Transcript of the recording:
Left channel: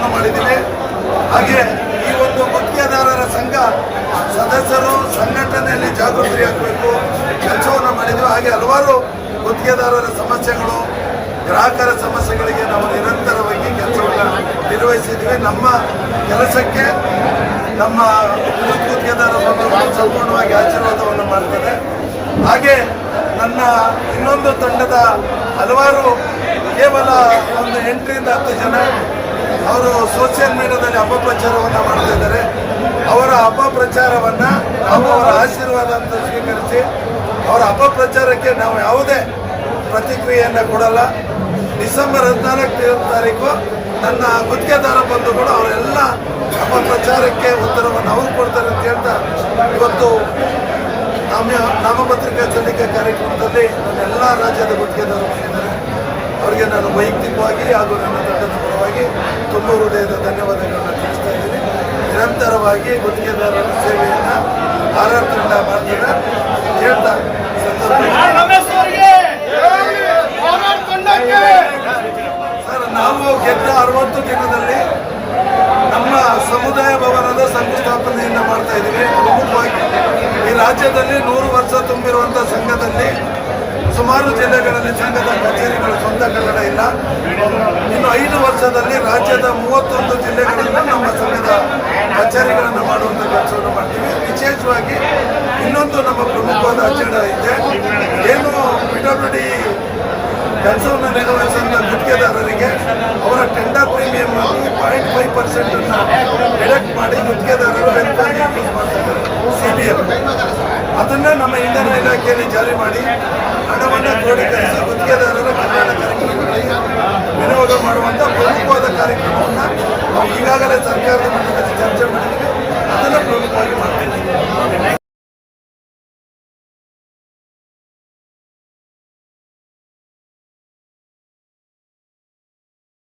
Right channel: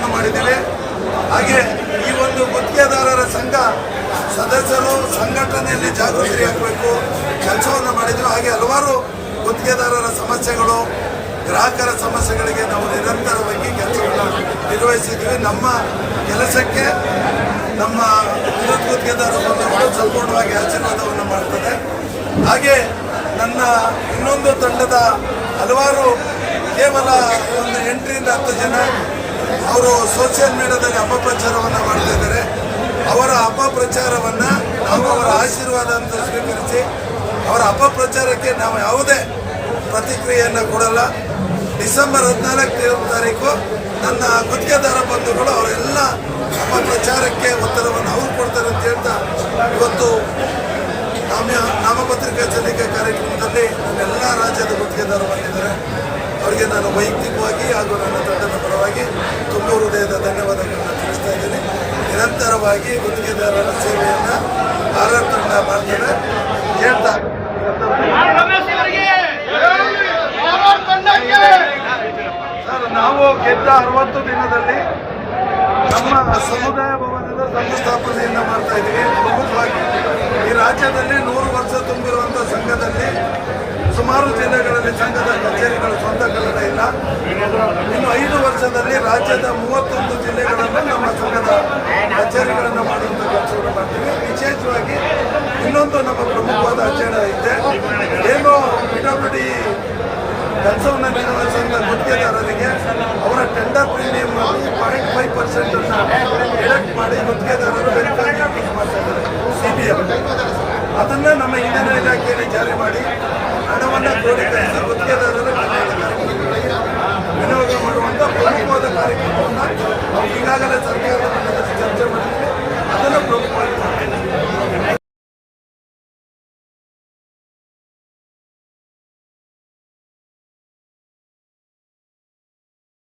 ಕೆಲಸವನ್ನು ಮಾಡಿದ್ದೀವಿ. ಹಾಗೆ ಈ ಒಂದು ಗುತ್ತಿಗೆದಾರರ ಸಂಘ ಸದಸ್ಯರು ಸಂಘಟನೆಯಲ್ಲಿ ಜಾಗೃತಿಯಾಗಬೇಕು ಕೆಲಸವನ್ನು ಮಾಡಿದ್ವಿ. ಹಾಗೆ ಹಲವಾರು ಗುತ್ತಿಗೆದಾರರ ಸಮಸ್ಯೆಗಳು, ಗ್ರಾಹಕರ ಸಮಸ್ಯೆಗಳಿಗೆ ನಾವು ನಿರಂತರವಾಗಿ ಕೆಲಸವನ್ನು ನಿರ್ವಹಿಸಿದ್ವಿ. ನಮ್ಮ ಕೆಲಸಕ್ಕೆ ನಮ್ಮ ವಿದ್ಯುತ್ ಗುತ್ತಿಗೆದಾರ ಬಂಧುಗಳು ಸಂಪೂರ್ಣವಾಗಿ ಆಶೀರ್ವಾದವನ್ನು ಮಾಡ್ತದೆ. ಹಾಗೆ ನನ್ನ ಇನ್ನೊಂದು ತಂಡದ ಹಲವಾರು ಕೇವಲ ಒಂದು 8ರಿಂದ 10 ಜನ ಅವರು ಸೋಷಿಯಲ್ ಮೀಡಿಯಾದಲ್ಲಿ ಅಪಪ್ರಚಾರವನ್ನು ಮಾಡ್ತಾ ಇದ್ದಾರೆ. ಅವರ ಅಪಪ್ರಚಾರವನ್ನು ನಾವು ಅವರ ಆಶೀರ್ವಾದ ಅಂತ ಸ್ವೀಕರಿಸಿ ಅವರ ಅಪಪ್ರಚಾರಕ್ಕೆ ನಾವು ಯಾವುದೇ ಪ್ರತಿಕ್ರಿಯೆಯನ್ನು ಕೊಡಲ್ಲ. ಡಿಸೆಂಬರ್ 14ನೇ ತಾರೀಕು ನನ್ನ ಗುತ್ತಿಗೆದಾರ ಬಂಧುಗಳು ಅವರೆಲ್ಲ ಅಪಪ್ರಚಾರಕ್ಕೆ ಉತ್ತರವನ್ನು ಅವರು ಕೊಡ್ತಾರೆ ಅಂತ ಹೇಳ್ತಾ ಇವತ್ತು ನಾಮಪತ್ರಿಕಾ ಸಲ್ಲಿಕೆ ಕಾರ್ಯಕ್ರಮದಲ್ಲಿ ನನ್ನೆಲ್ಲ ರಾಜ್ಯದ ಗುತ್ತಿಗೆದಾರರು ಬಂದಿದ್ದಾರೆ. ಅವರಿಗೆ ನಾನು ವೈಯಕ್ತಿಕವಾಗಿ ಹಾಗೂ ನನ್ನ ತಂಡದ ಪರವಾಗಿ ತುಂಬ ಹೃದಯದ ಧನ್ಯವಾದಗಳನ್ನು ತಿಳಿಸ್ತಾ ಇದ್ದೀನಿ. ನಿರಂತರವಾಗಿ ಗುತ್ತಿಗೆದಾರರ ಸೇವೆಯನ್ನು ಆರ್ ತಂಡ ಮಾಡ್ತಾರೆ ಹೇಳ್ತಾ ಸರ್, ನಾವು ಗೆದ್ದ 60 ದಿನದಲ್ಲಿ ನಮ್ಮ ಸಮುದಾಯ ಭವನದ ಶಂಕುಸ್ಥಾಪನೆಯನ್ನು ಮಾಡ್ತಾ ಇದ್ದೀವಿ. ಪ್ರಮುಖವಾಗಿ ಈ ರಾಜ್ಯದಲ್ಲಿ 100 ವರ್ಷ ತುಂಬಿರುವಂಥ ಸಂಘದಲ್ಲಿ ಸುಮಾರು ಜಿಲ್ಲೆಗಳಲ್ಲಿ ಸಂಘದ ಕಚೇರಿಗಳು ಸ್ವಂತ ಕನ್ನಡ ಇಲ್ಲ. ಇನ್ನು 5 ವರ್ಷದಲ್ಲಿ ರಾಜ್ಯದ 31 ಜಿಲ್ಲೆಗಳನ್ನು ನಮ್ಮ ಸಂಘದ ಕಚೇರಿಗಳನ್ನು ಮಾಡುವಂಥ ಕೆಲಸವನ್ನು ಮಾಡ್ತೀವಿ. ವಿಶೇಷವಾಗಿ ಇನ್ನೊಂದು ನಮ್ಮ ಪ್ರಮುಖವಾದ ಅಜೆಂಡಾ ಇದೆ. ಏನು PWD ಕೆಲಸವನ್ನು ನಿರ್ವಹಿಸುವಂಥ ಗುತ್ತಿಗೆದಾರರಿಗೆ ಅವರ ಟೆಂಡರ್ ಪ್ರೀಮಿಯಂ 0.5% ಡಿಡಕ್ಟ್ ಮಾಡಿ ಗುತ್ತಿಗೆದಾರರು ವೆರಿಫೈ ಯೂಸ್ ಮಾಡ್ತಿದ್ದಾರೆ CBM. ಅದನ್ನು ನಮ್ಮ ಇಂಧನ ಇಲಾಖೆಯಲ್ಲಿ ಜಾರಿ ಮಾಡಿ ಹಣವನ್ನು ಕ್ರೋಢೀಕರಿಸಿ ಗುತ್ತಿಗೆದಾರರ ಕಲ್ಯಾಣ ಕಾರ್ಯಕ್ರಮಗಳಿಗೆ ವಿನಿಯೋಗ ಮಾಡುವಂಥ ಪ್ರಮುಖವಾದ ಕಾರ್ಯಕ್ರಮವನ್ನು ನಾವು ಈಗಾಗಲೇ ಸರ್ಕಾರದ ಮಟ್ಟದಲ್ಲಿ ಚರ್ಚೆ ಮಾಡಿದ್ದೀವಿ. ಅದನ್ನು ಪ್ರಮುಖವಾಗಿ